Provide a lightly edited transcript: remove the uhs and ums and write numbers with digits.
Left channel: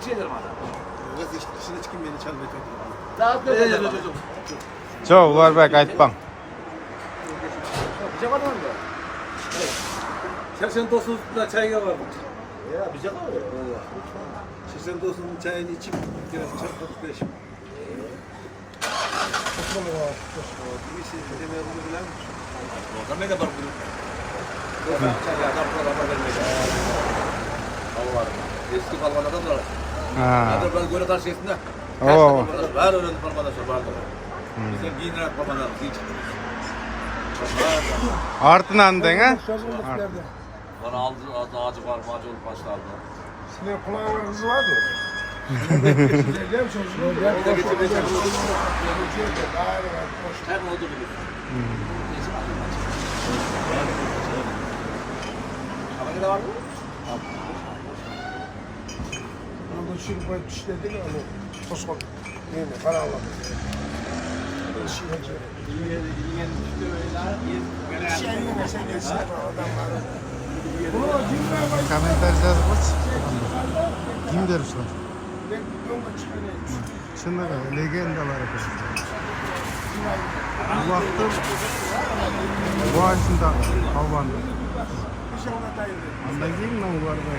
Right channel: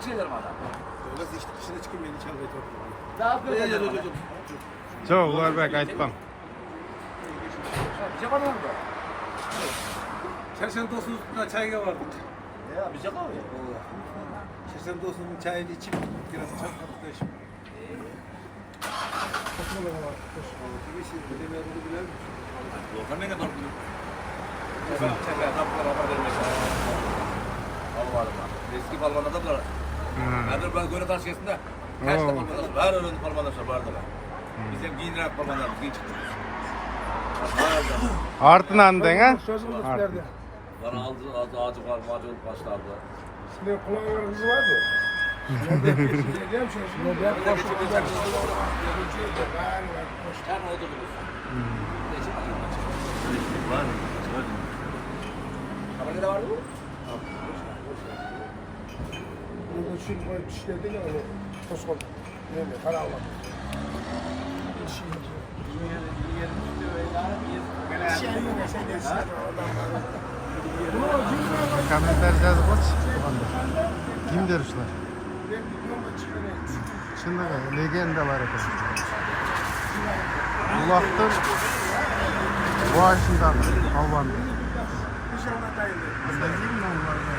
Çık şeylerim adam. Dışına çıkayım beni çalmaya oturun. Rahat ver. Çok Ularbek aytpam. Bıçak var mı? Şerşen dostumuzda çayga vardı. Ya bıçak var ya. Şerşen dostumuzun çayını içip biraz çarpmadık beşim. Bir şey demeye bunu bilen mi? Orada ne de var bunu? Çay adam bu kadar vermek. Allah'ım. Eski Palman'da da var. Ha. Ben göre karşısında. Oo. Var öyle Palman'da vardı. Bizim giyinler Palman'da giy çıktı. Artından den ha? Bana aldı ağacı var, ağacı olup başlardı. Sizin kulağınız var mı? Her ne oldu Ama ne var mı? Bu şimdi böyle işledi mi? Toskol. Ne mi? Karanlık. Komentar yazıp koç. Kim derüşler? Çınlığı legendalar ekan. Uloqtin boshida Alvanda. Ondan keyin men ularda